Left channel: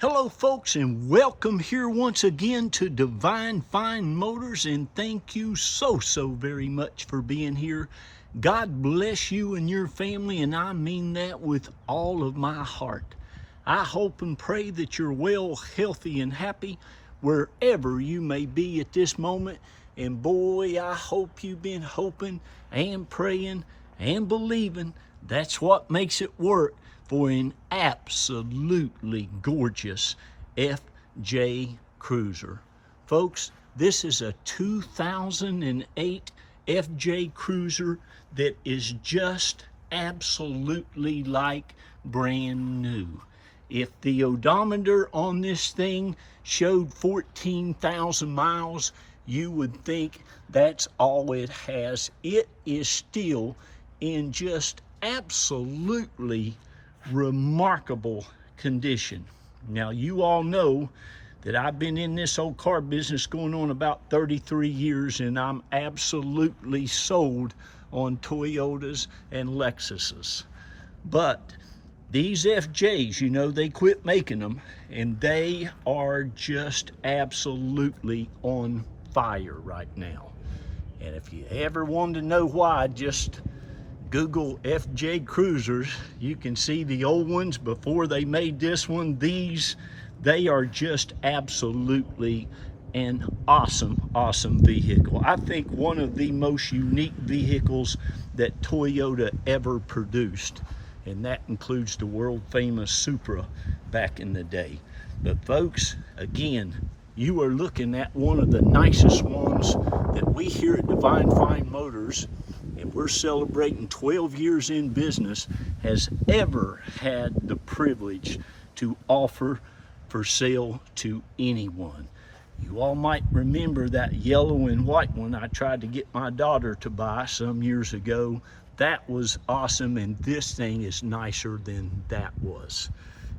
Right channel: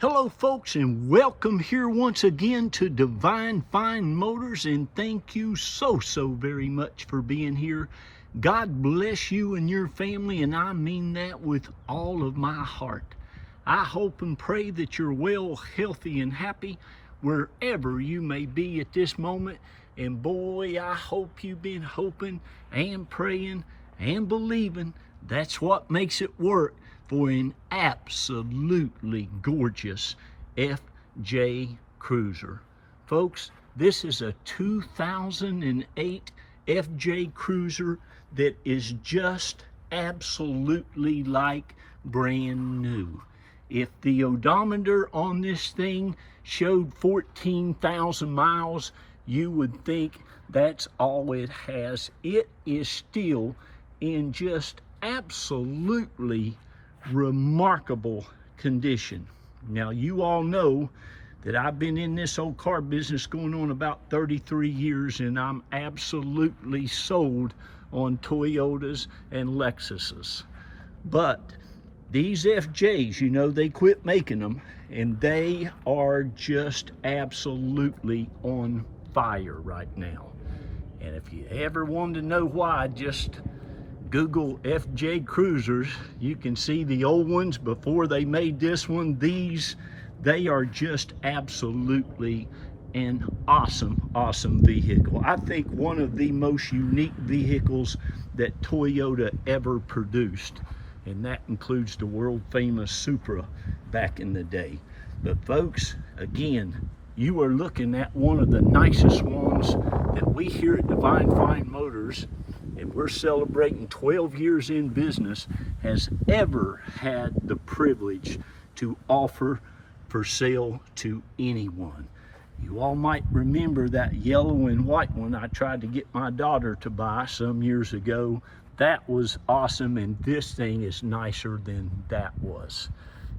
Hello folks, and welcome here once again to Divine Fine Motors, and thank you so very much for being here. God bless you and your family, and I mean that with all of my heart. I hope and pray that you're well, healthy, and happy wherever you may be at this moment. And boy, I hope you've been hoping and praying and believing. That's what makes it work for an absolutely gorgeous FJ Cruiser. Folks, this is a 2008 FJ Cruiser that is just absolutely like brand new. If the odometer on this thing showed 14,000 miles, you would think that's all it has. It is still in just absolutely remarkable condition. Now, you all know that I've been in this old car business going on about 33 years, and I'm absolutely sold on Toyotas and Lexuses. But these FJs, you know, they quit making them, and they are just absolutely on fire right now. And if you ever wanted to know why, just Google FJ Cruisers. You can see the old ones before they made this one. They are just absolutely an awesome vehicle. I think one of the most unique vehicles that Toyota ever produced, and that includes the world famous Supra back in the day. But folks, again, you are looking at one of the nicest ones that we here at Divine Fine Motors, and we're celebrating 12 years in business, has ever had the privilege to offer for sale to anyone. You all might remember that yellow and white one I tried to get my daughter to buy some years ago. That was awesome, and this thing is nicer than that was.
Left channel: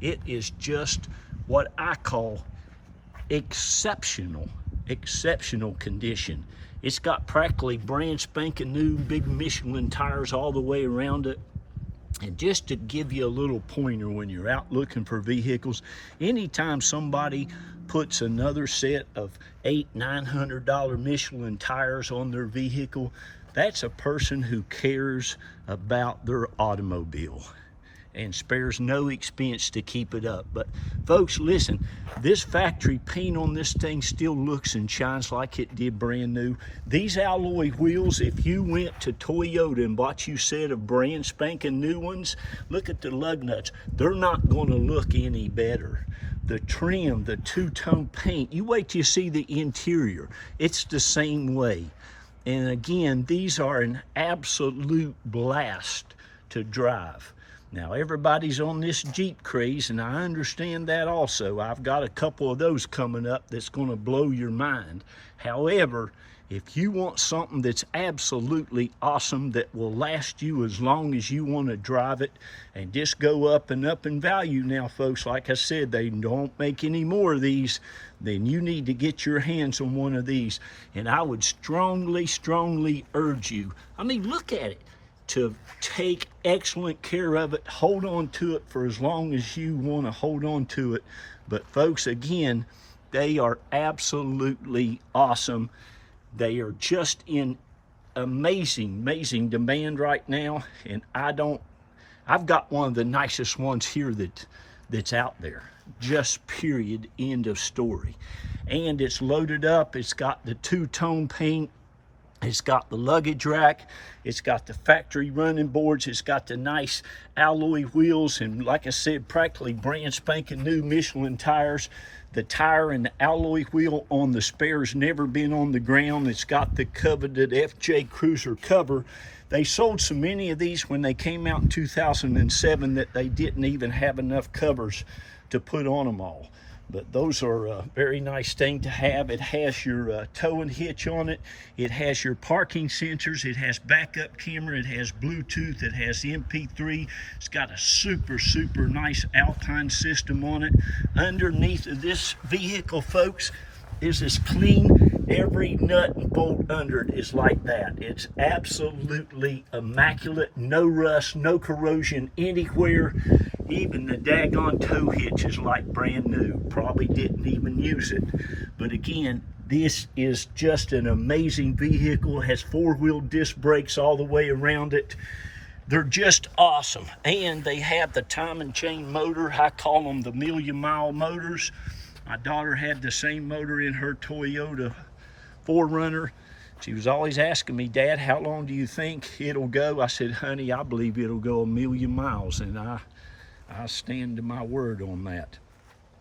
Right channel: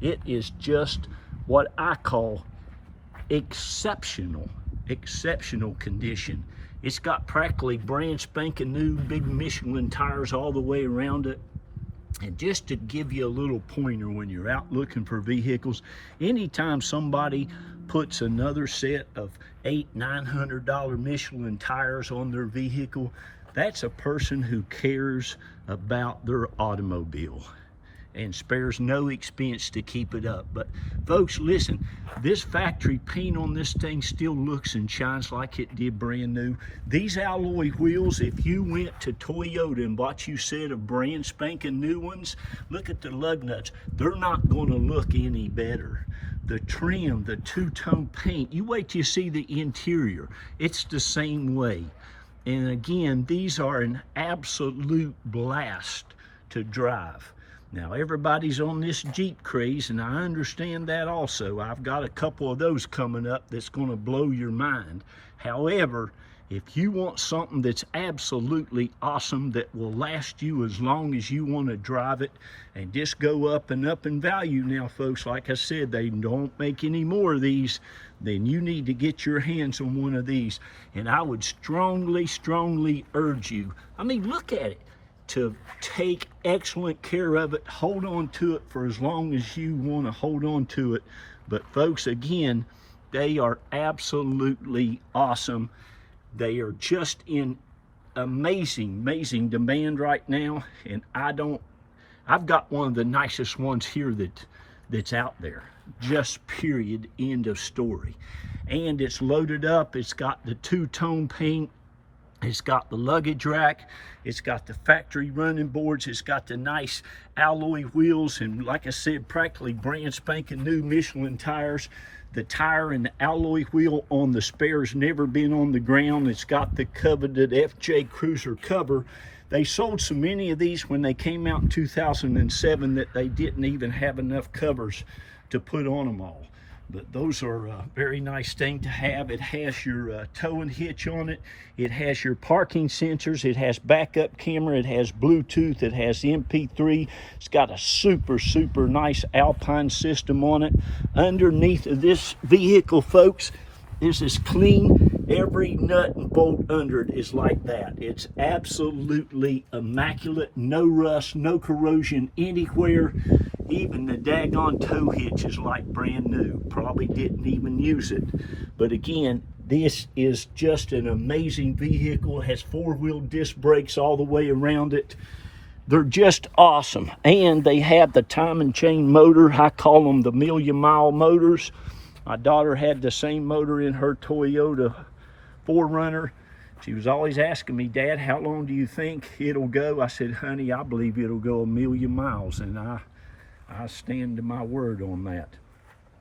It is just what I call exceptional condition. It's got practically brand spanking new big Michelin tires all the way around it. And just to give you a little pointer when you're out looking for vehicles, anytime somebody puts another set of $800–900 Michelin tires on their vehicle, that's a person who cares about their automobile and spares no expense to keep it up. But folks, listen, this factory paint on this thing still looks and shines like it did brand new. These alloy wheels, if you went to Toyota and bought you a set of brand spanking new ones, look at the lug nuts. They're not gonna look any better. The trim, the two-tone paint, you wait till you see the interior. It's the same way. And again, these are an absolute blast to drive. Now, everybody's on this Jeep craze, and I understand that also. I've got a couple of those coming up that's going to blow your mind. However, if you want something that's absolutely awesome that will last you as long as you want to drive it and just go up and up in value now, folks, like I said, they don't make any more of these, then you need to get your hands on one of these. And I would strongly urge you, I mean, look at it, to take excellent care of it, hold on to it for as long as you want to hold on to it. But folks, again, they are absolutely awesome. They are just in amazing demand right now, and I've got one of the nicest ones here that's out there, just period, end of story. And it's loaded up, it's got the two-tone paint, it's got the luggage rack, it's got the factory running boards, it's got the nice alloy wheels, and like I said, practically brand spanking new Michelin tires. The tire and the alloy wheel on the spare's never been on the ground. It's got the coveted FJ Cruiser cover. They sold so many of these when they came out in 2007 that they didn't even have enough covers to put on them all. But those are a very nice thing to have. It has your towing hitch on it. It has your parking sensors. It has backup camera. It has Bluetooth. It has MP3. It's got a super nice Alpine system on it. Underneath of this vehicle, folks, is as clean. Every nut and bolt under it is like that. It's absolutely immaculate. No rust, no corrosion anywhere. Even the daggone tow hitch is like brand new. Probably didn't even use it. But again, this is just an amazing vehicle. It has four-wheel disc brakes all the way around it. They're just awesome. And they have the time and chain motor. I call them the million-mile motors. My daughter had the same motor in her Toyota 4Runner. She was always asking me, Dad, how long do you think it'll go? I said, honey, I believe it'll go 1,000,000 miles. And I stand to my word on that.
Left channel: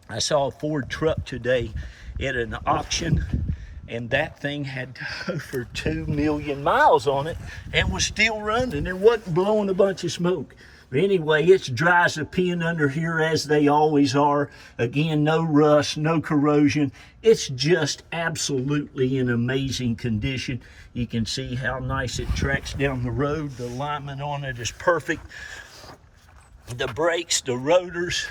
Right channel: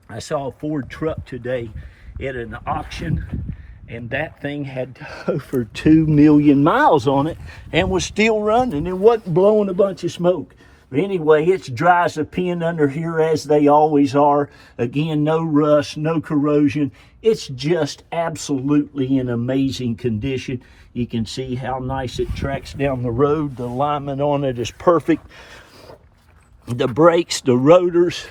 I saw a Ford truck today at an auction, and that thing had over 2,000,000 miles on it and was still running. It wasn't blowing a bunch of smoke. But anyway, it's dry as a pin under here, as they always are. Again, no rust, no corrosion. It's just absolutely in amazing condition. You can see how nice it tracks down the road. The alignment on it is perfect. The brakes, the rotors,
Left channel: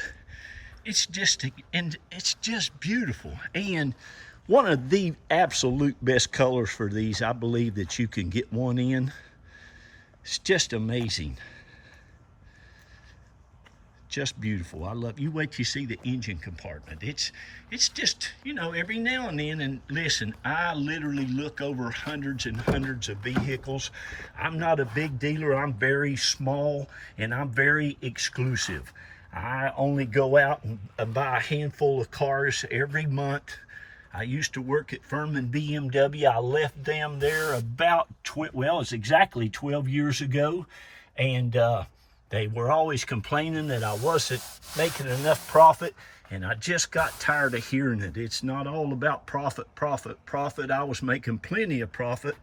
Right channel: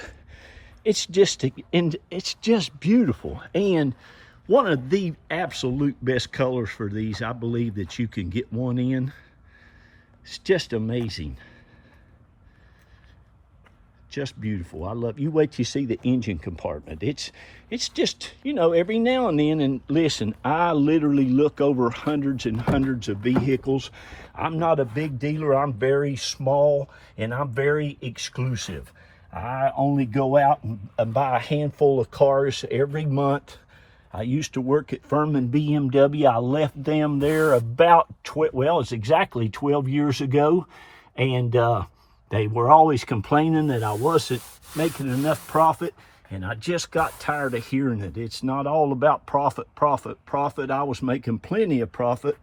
it's just beautiful. And one of the absolute best colors for these, I believe, that you can get one in. It's just amazing. Just beautiful. I love, you wait till you see the engine compartment. It's just, you know, every now and then, and listen, I literally look over hundreds and hundreds of vehicles. I'm not a big dealer. I'm very small, and I'm very exclusive. I only go out and buy a handful of cars every month. I used to work at Furman BMW. I left them there about, it's exactly 12 years ago. And they were always complaining that I wasn't making enough profit. And I just got tired of hearing it. It's not all about profit, profit, profit. I was making plenty of profit.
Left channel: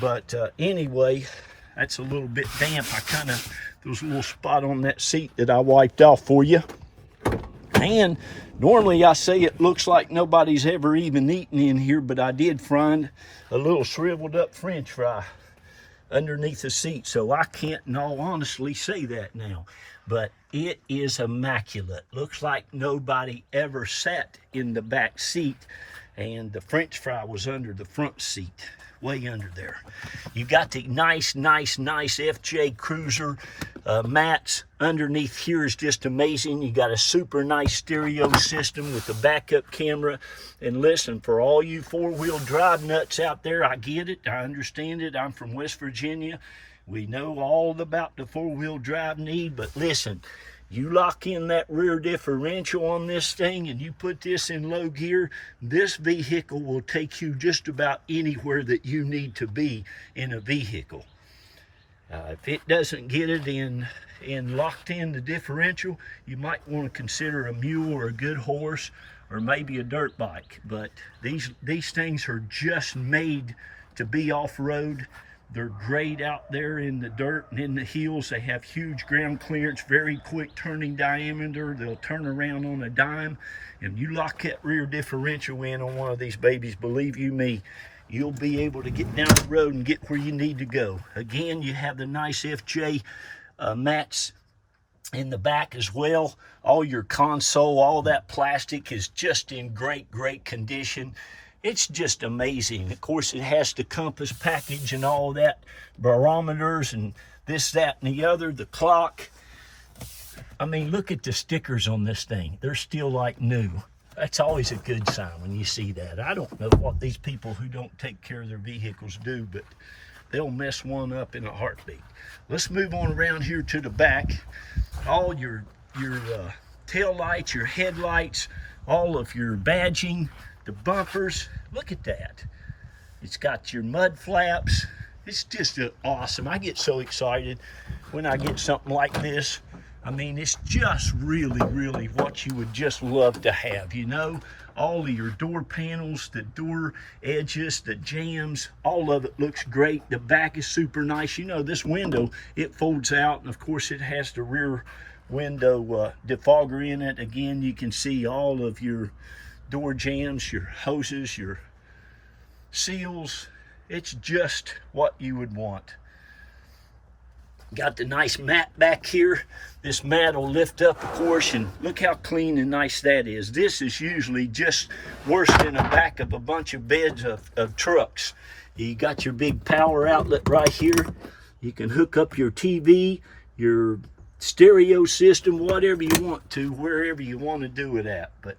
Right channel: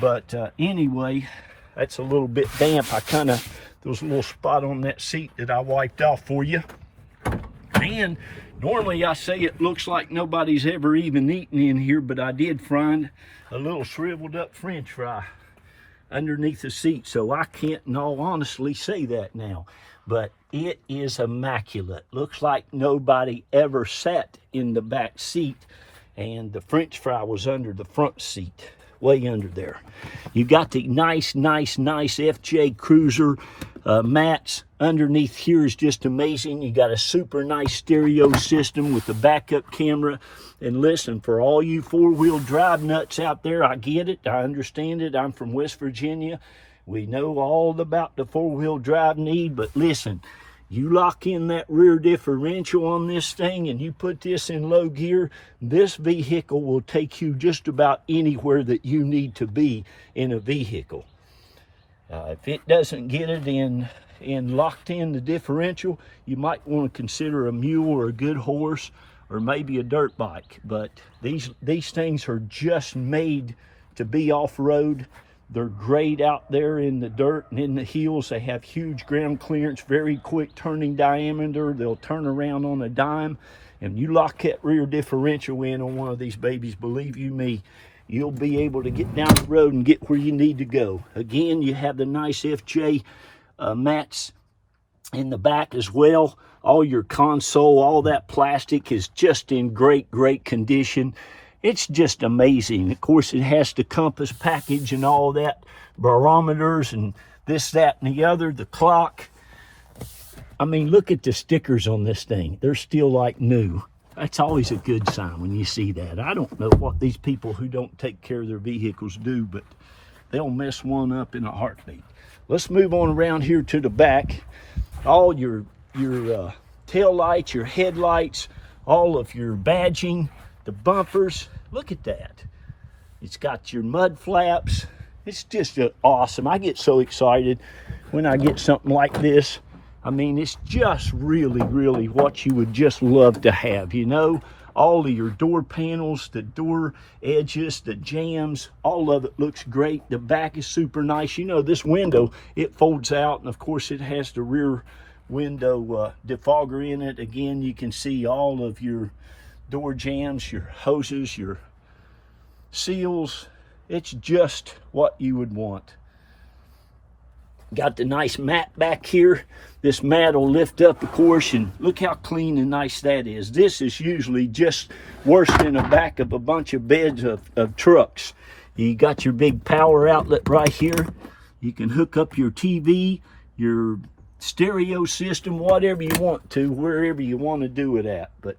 But anyway, that's a little bit damp. there was a little spot on that seat that I wiped off for you. And normally I say it looks like nobody's ever even eaten in here, but I did find a little shriveled up French fry underneath the seat. So I can't in all honesty say that now. But it is immaculate. Looks like nobody ever sat in the back seat, and the French fry was under the front seat, way under there. You got the nice FJ Cruiser mats. Underneath here is just amazing. You got a super nice stereo system with the backup camera. And listen, for all you four-wheel drive nuts out there, I get it, I understand it. I'm from West Virginia. We know all about the four-wheel drive need, but listen, you lock in that rear differential on this thing and you put this in low gear, this vehicle will take you just about anywhere that you need to be in a vehicle. If it doesn't get it in locked in the differential, you might want to consider a mule or a good horse or maybe a dirt bike. But these things are just made to be off-road. They're great out there in the dirt and in the hills. They have huge ground clearance, very quick turning diameter. They'll turn around on a dime. And you lock that rear differential in on one of these babies, believe you me, you'll be able to get down the road and get where you need to go. Again, you have the nice FJ mats in the back as well. All your console, all that plastic is just in great condition. It's just amazing. Of course, it has the compass package and all that, barometers and this, that, and the other, the clock. I mean, look at the stickers on this thing. They're still like new. That's always a good sign when you see that. I don't know what these people who don't take care of their vehicles do, but they'll mess one up in a heartbeat. Let's move on around here to the back. All your tail lights, your headlights, all of your badging, the bumpers, look at that. It's got your mud flaps. It's just awesome. I get so excited when I get something like this. I mean, it's just really what you would just love to have, you know. All of your door panels, the door edges, the jambs, all of it looks great. The back is super nice. You know, this window, it folds out, and of course it has the rear window defogger in it. Again, you can see all of your door jambs, your hoses, your seals. It's just what you would want. Got the nice mat back here. This mat will lift up, of course, and look how clean and nice that is. This is usually just worse than the back of a bunch of beds of trucks. You got your big power outlet right here. You can hook up your TV, your stereo system, whatever you want to, wherever you want to do it at. But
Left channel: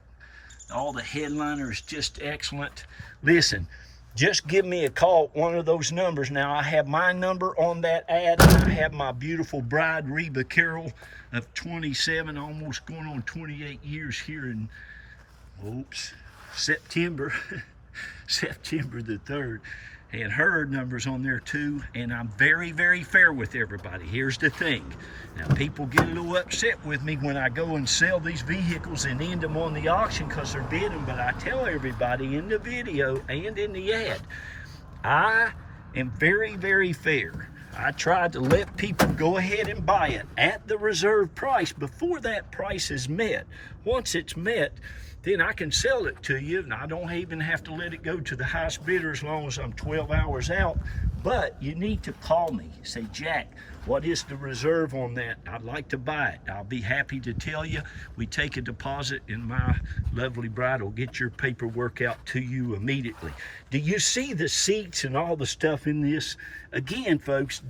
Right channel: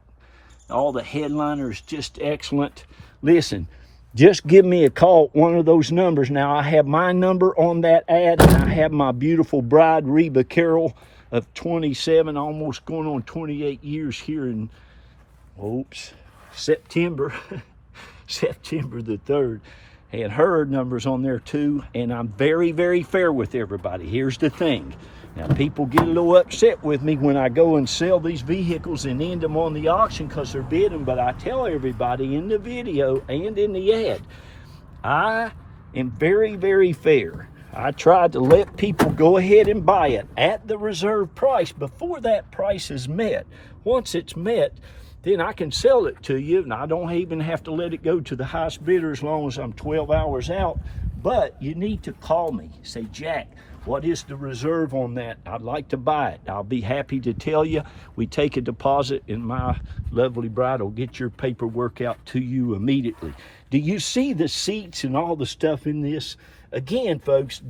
all the headliners just excellent. Listen, just give me a call at one of those numbers. Now, I have my number on that ad, and I have my beautiful bride, Reba Carroll, of 27, almost going on 28 years here in, September, September the 3rd. And her number's on there too, and I'm very, very fair with everybody. Here's the thing. Now, people get a little upset with me when I go and sell these vehicles and end them on the auction because they're bidding, but I tell everybody in the video and in the ad, I am very, very fair. I try to let people go ahead and buy it at the reserve price before that price is met. Once it's met, then I can sell it to you, and I don't even have to let it go to the highest bidder as long as I'm 12 hours out. But you need to call me. Say, Jack, what is the reserve on that? I'd like to buy it. I'll be happy to tell you. We take a deposit, and my lovely bride will get your paperwork out to you immediately. Do you see the seats and all the stuff in this? Again, folks,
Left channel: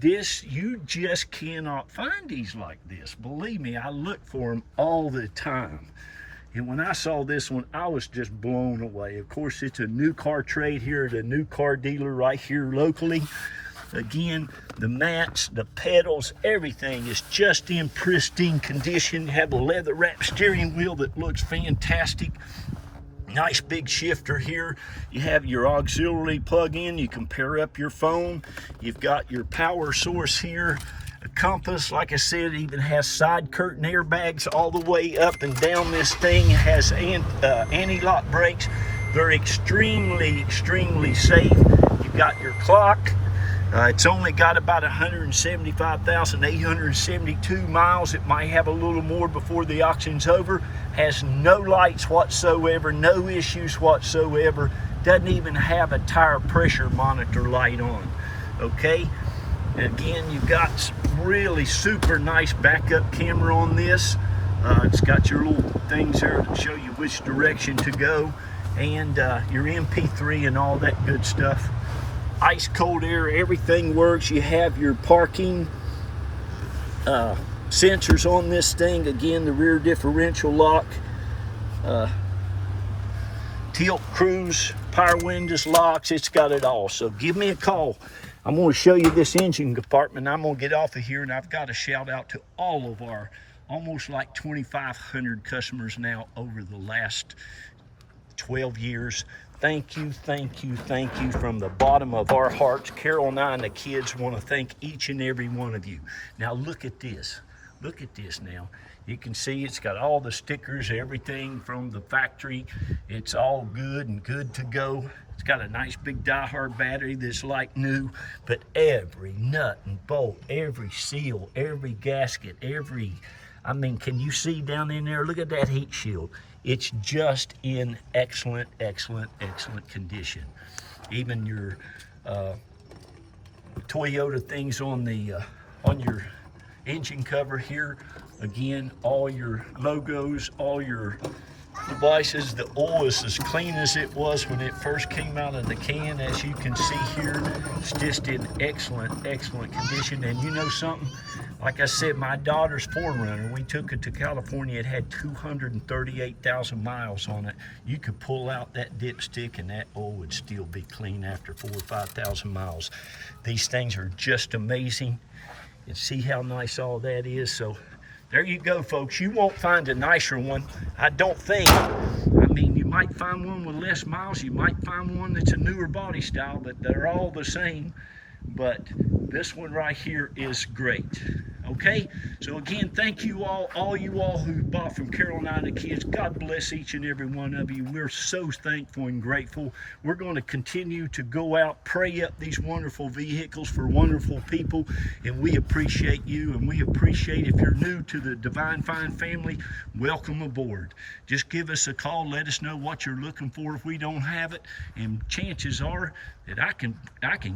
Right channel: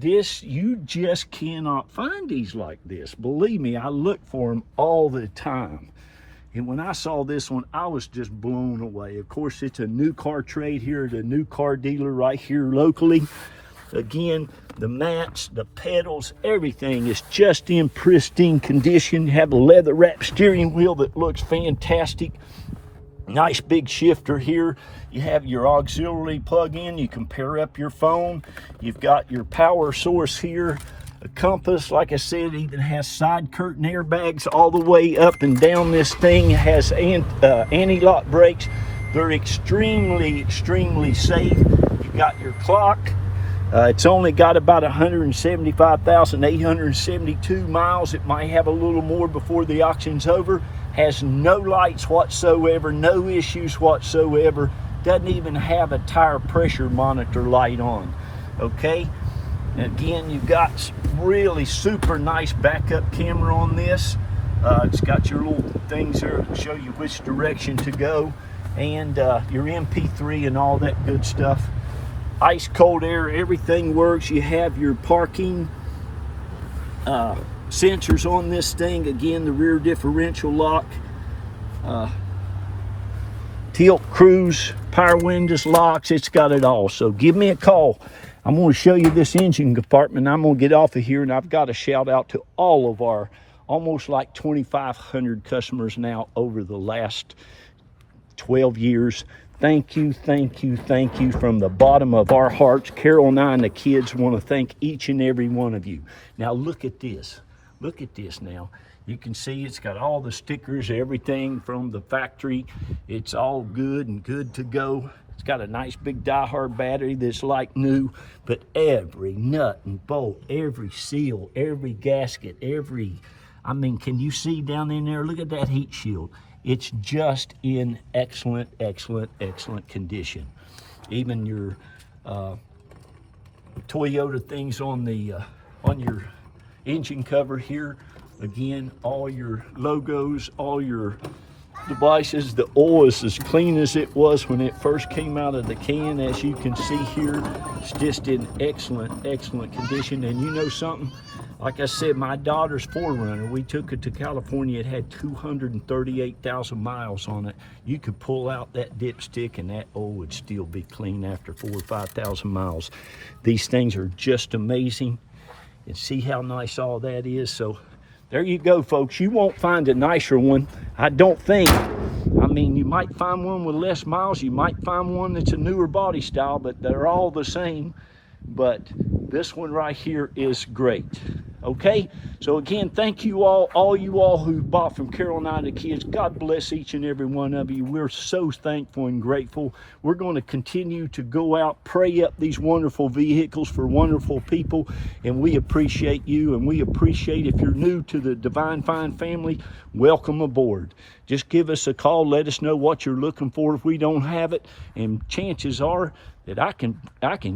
you just cannot find these like this. Believe me, I look for them all the time. And when I saw this one, I was just blown away. Of course, it's a new car trade here at a new car dealer right here locally. Again, the mats, the pedals, everything is just in pristine condition. You have a leather wrapped steering wheel that looks fantastic. Nice big shifter here. You have your auxiliary plug-in. You can pair up your phone. You've got your power source here. A compass, like I said, even has side curtain airbags all the way up and down this thing. It has anti-lock brakes. They're extremely, extremely safe. You've got your clock. It's only got about 175,872 miles. It might have a little more before the auction's over. Has no lights whatsoever, no issues whatsoever. Doesn't even have a tire pressure monitor light on, okay? Again, you've got really super nice backup camera on this. It's got your little things there to show you which direction to go, and your MP3 and all that good stuff. Ice cold air, everything works. You have your parking sensors on this thing. Again, the rear differential lock, tilt cruise, power windows, locks. It's got it all. So give me a call. I'm going to show you this engine compartment. I'm going to get off of here, and I've got to shout out to all of our almost like 2,500 customers now over the last 12 years. Thank you, thank you, thank you from the bottom of our hearts. Carol and I and the kids want to thank each and every one of you. Now look at this. Look at this now. You can see it's got all the stickers, everything from the factory. It's all good and good to go. It's got a nice big die-hard battery that's like new, but every nut and bolt, every seal, every gasket, I mean, can you see down in there? Look at that heat shield. It's just in excellent, excellent, excellent condition. Even your Toyota things on the on your engine cover here. Again, all your logos, all your devices. The oil is as clean as it was when it first came out of the can. As you can see here, it's just in excellent, excellent condition. And you know something? Like I said, my daughter's 4Runner, we took it to California. It had 238,000 miles on it. You could pull out that dipstick and that oil would still be clean after 4,000 or 5,000 miles. These things are just amazing. And see how nice all that is. So there you go, folks. You won't find a nicer one, I don't think. I mean, you might find one with less miles. You might find one that's a newer body style, but they're all the same. But this one right here is great. Okay, so again, thank you all you all who bought from Carol and I and the kids. God bless each and every one of you. We're so thankful and grateful. We're going to continue to go out, pray up these wonderful vehicles for wonderful people, and we appreciate you, and we appreciate if you're new to the Divine Fine family, welcome aboard. Just give us a call, let us know what you're looking for if we don't have it, and chances are that I can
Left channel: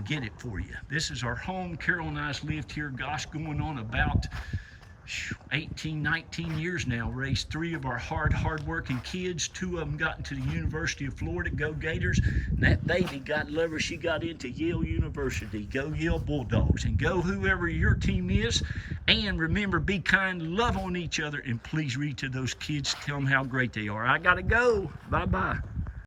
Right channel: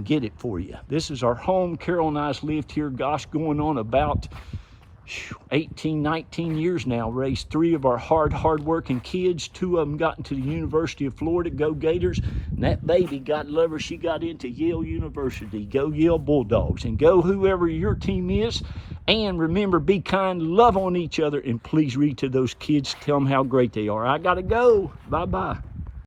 get it for you. This is our home. Carol and I's lived here, gosh, going on about 18, 19 years now, raised 3 of our hard-working kids. 2 of them got into the University of Florida, go Gators. And that baby, God love her, she got into Yale University. Go Yale Bulldogs, and go whoever your team is. And remember, be kind, love on each other, and please read to those kids, tell them how great they are. I gotta go. Bye-bye.